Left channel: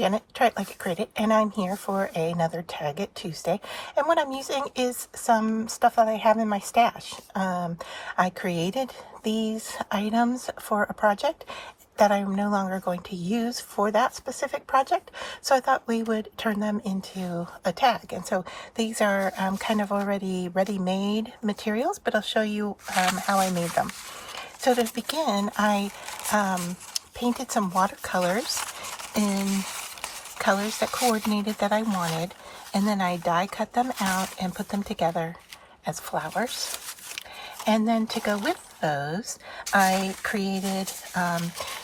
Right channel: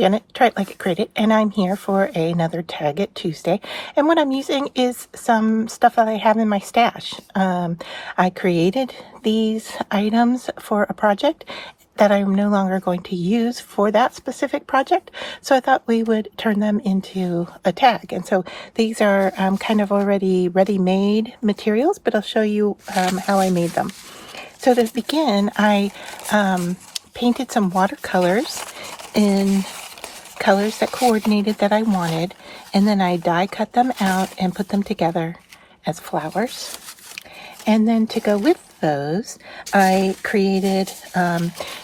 Janet, Try It Like It Create It, and I'm here for another Tag It Tuesday. And what I'm using is some stuff that I have in my stash. I created these items for a project that I'm no longer going to use for that specific project, so I thought we would turn them into a tag. And so these are kind of already ready-made materials, but I'll show you how I made them. So to begin, I painted some watercolors in colors that coordinated that I wanted, and then I die cut them out and put them together as flowers. And then to go with those, I created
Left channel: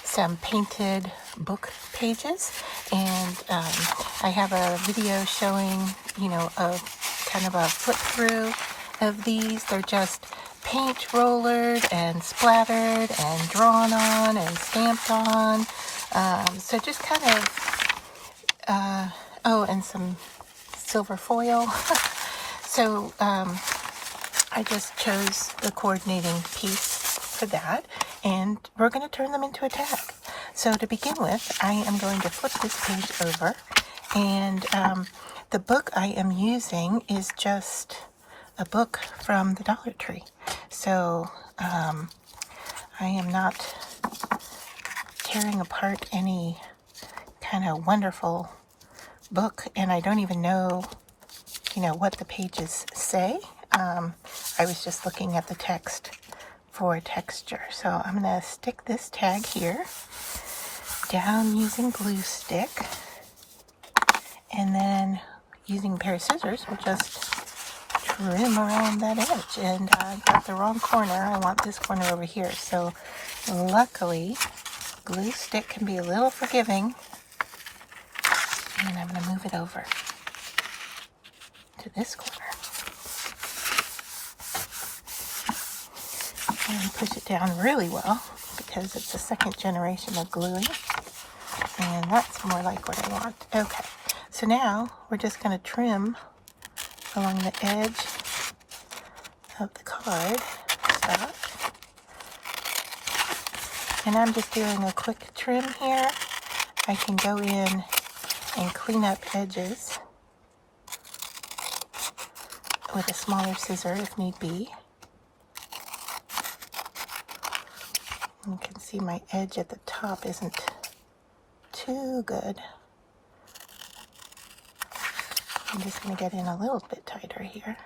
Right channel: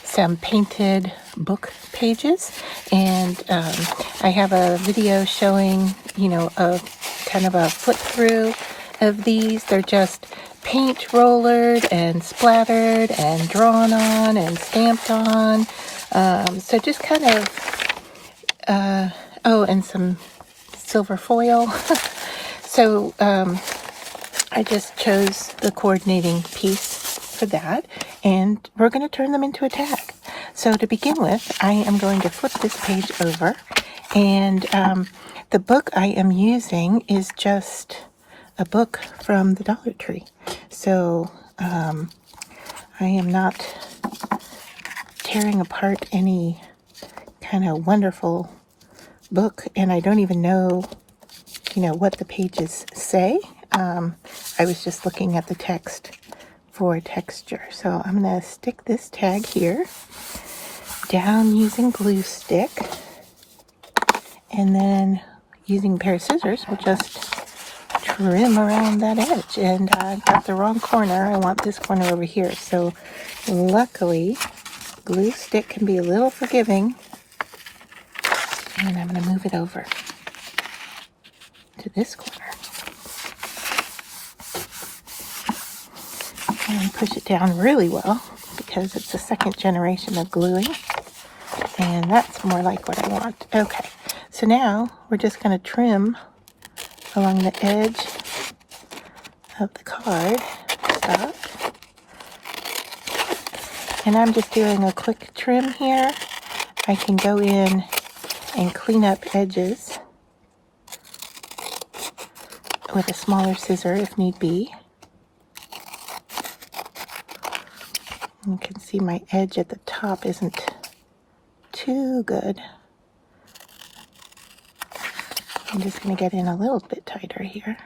some painted book pages, and I have a video showing, a kind of a flip through of these. They're just paint rollered and splattered and drawn on and stamped on. So just kind of, and some silver foil. So I just chose the coordinating piece for that, and we're going to turn them into a tag. So to begin with, I am going to flip this page over, and the book I am using is just a book from the Dollar Tree. So I am not tearing apart any kind of wonderful book, and I don't even know, what the pages say. I was just looking at the text for texture. So I'm going to stick this tag here down using glue stick, and then using a pair of scissors, we'll just trim around that edge. And I've got the wrong corner. I want this corner over here. So luckily, glue stick can be a little forgiving. And I'm going to move it over to this corner. And I push it down really well because it's the second generation of gluing. And that's more like what I want. Okay, so now we're just going to trim along the edge of the card. And I'm just doing a quick trim here. I can go in and clean up edges with a smaller scissor if need be. You can see my edge at the top isn't too good. I'm just going to get in a little bit tighter here.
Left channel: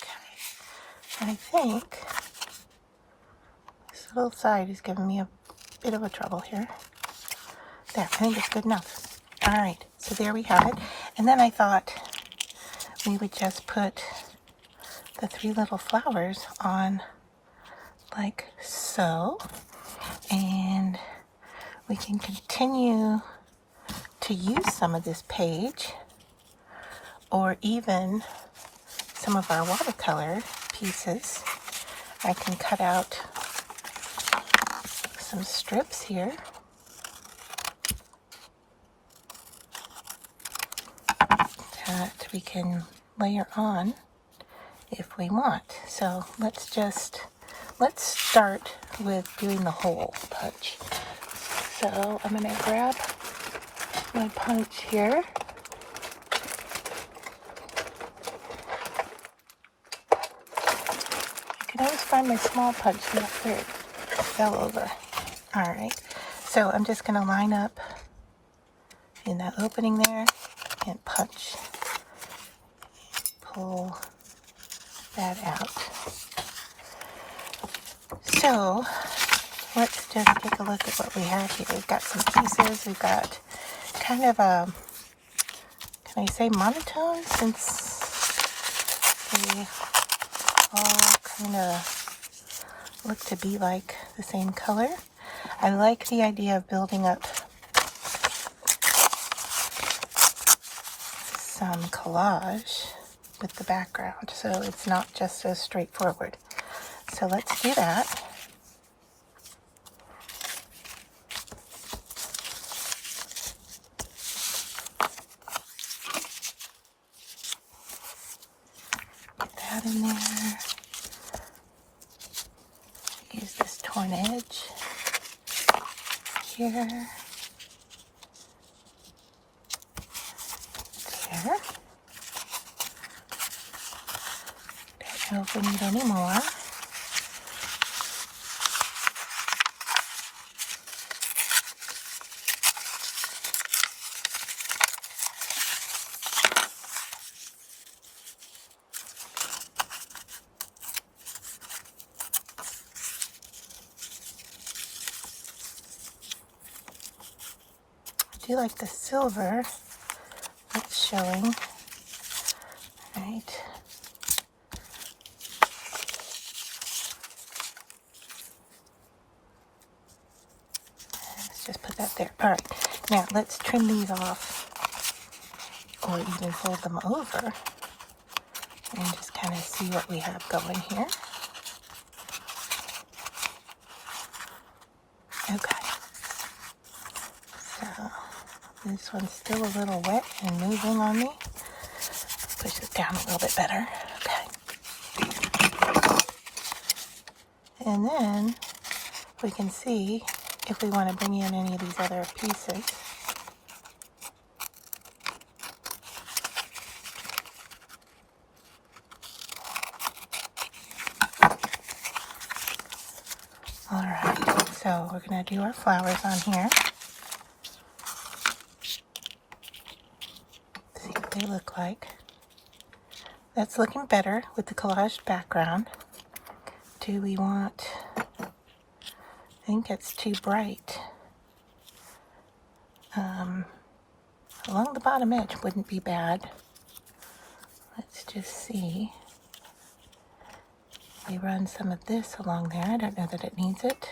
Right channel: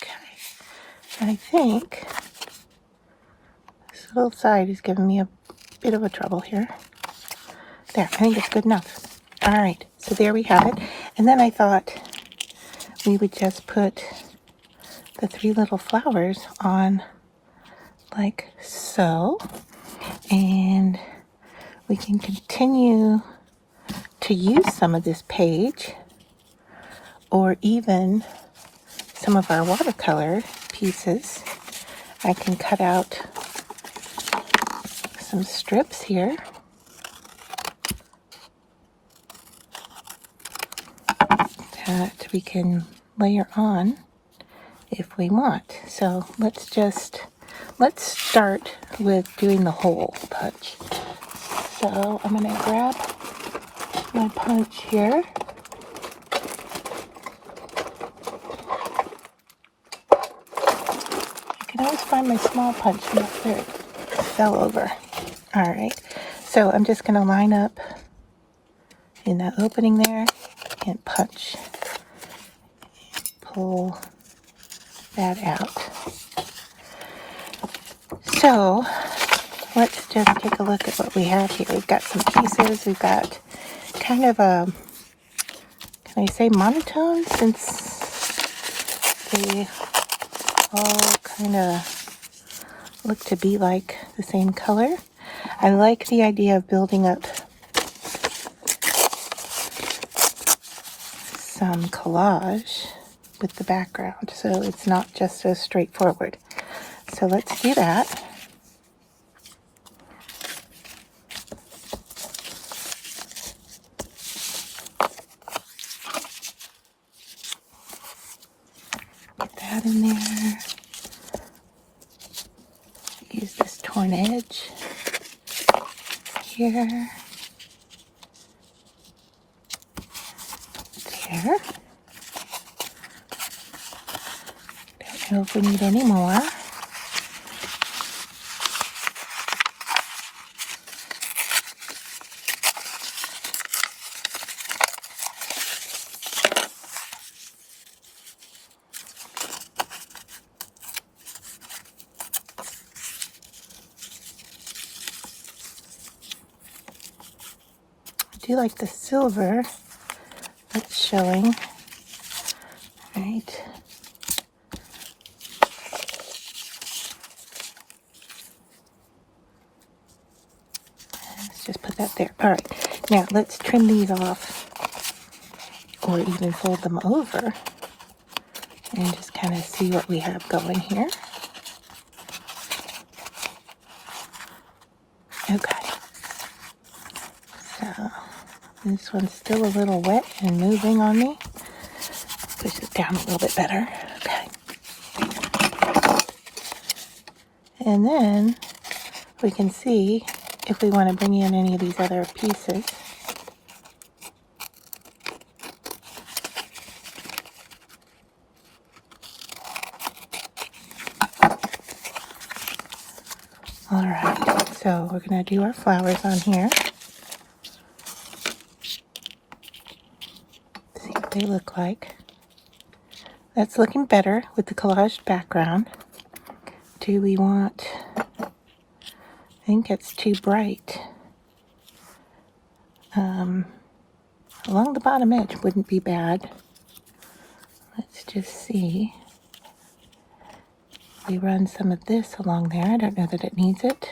Okay. And I think this little side is giving me a bit of a trouble here. There, I think it's good enough. All right, so there we have it. And then I thought we would just put the three little flowers on like so, and we can continue to use some of this page, or even some of our watercolor pieces. I can cut out some strips here that we can layer on if we want. So let's start with doing the hole punch. So I'm going to grab my punch here. I can always find my small punch here. It fell over. All right, so I'm just going to line up in that opening there and punch. Pull that out. So let's just take a look at what we have here. We've got some pieces. We've got kind of a, can I say monotone, since they all kind of look to be like the same color. I like the idea of building up some collage with the background, so it's not just so straightforward. So let's do that. Get that in there. here. There. Don't know if we need any more. I do like the silver that's showing. Right. Let's just put that there. All right. Now let's trim these off, or even fold them over, and just kind of see what we have going here. Okay. So this one's still a little wet and moving on me. Push it down a little bit better. Okay. And then we can see if we want to bring in any of these other pieces. All right, so we're going to do our flowers on here. See what they look like. That's looking better with the collaged background. Do we want, I think it's too bright. Along the bottom edge wouldn't be bad. Let's just see. We run some of this along there. I don't know that it needs it.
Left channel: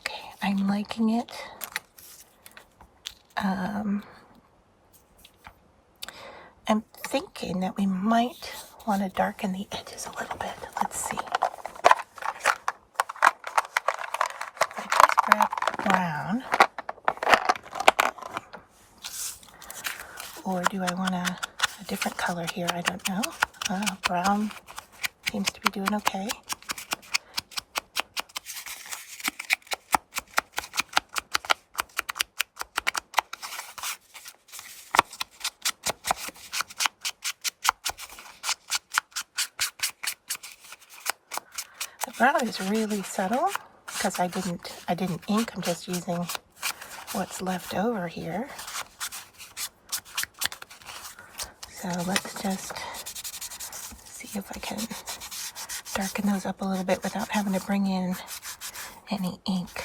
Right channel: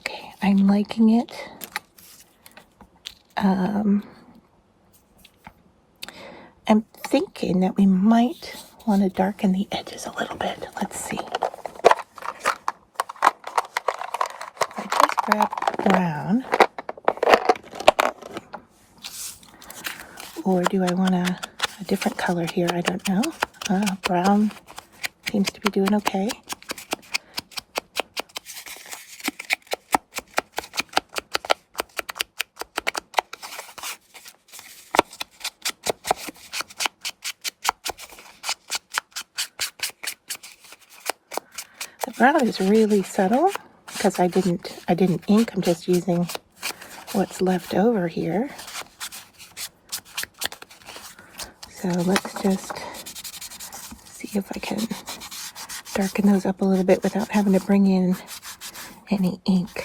Okay, I'm liking it. I'm thinking that we might want to darken the edges a little bit. Let's see. I just grab brown. Or do I want a different color here? I don't know. Brown seems to be doing okay. The brown is really subtle because I didn't ink. I'm just using what's left over here. So let's just see if I can darken those up a little bit without having to bring in any ink.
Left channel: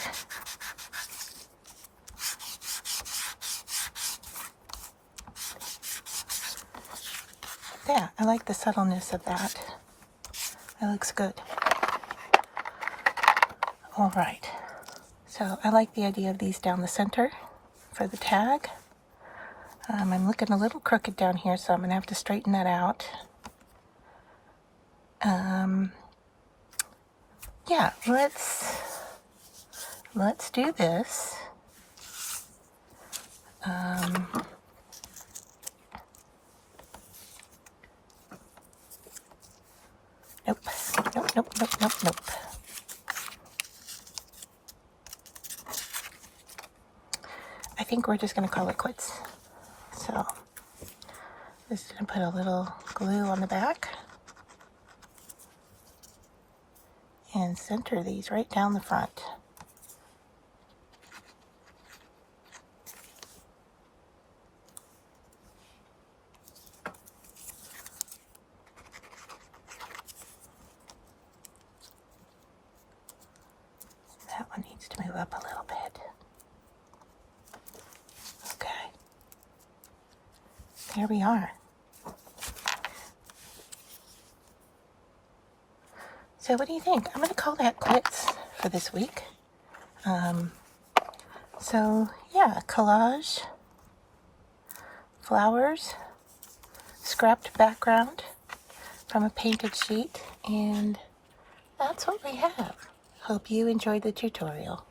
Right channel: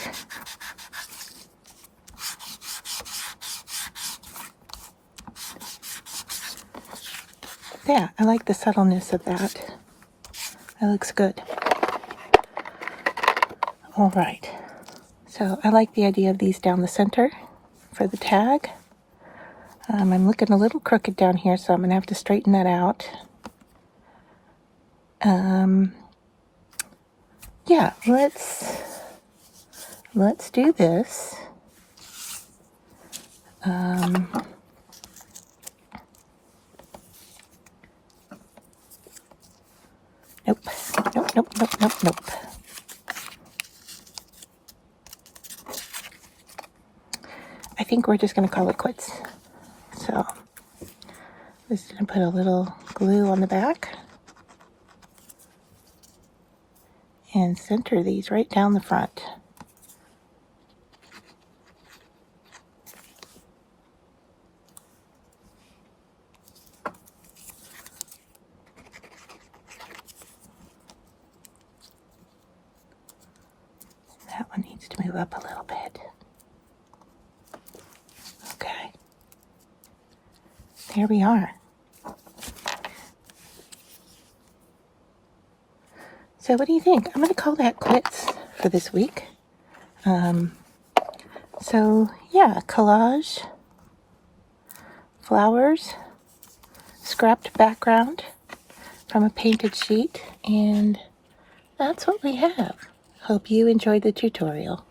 Yeah, I like the subtleness of that. That looks good. All right, so I like the idea of these down the center for the tag. I'm looking a little crooked down here, so I'm going to have to straighten that out. Yeah, let's do this. Nope. I think we're just going to call it quits. So, I'm just going to put a little glue on the back and center these right down the front. That one needs to move up a little bit. Okay. There we are. So what do you think? I'm going to call that quits for this week. So yeah, collage, flowers, scrapped background from a painted sheet, and that's what we have. Hope you enjoyed the tutorial.